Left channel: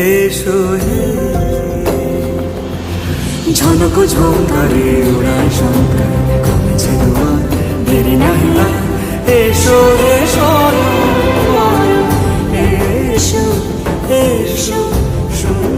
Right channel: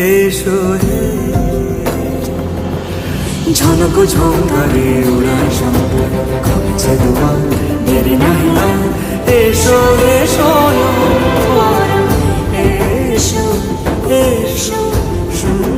এসো হে ঝনক ঝঙ্কারে উড়ায় শঙ্কারে কমেছে দুয়ার দেরি নাহি আর এসো এসো বরং এসো এসো শুন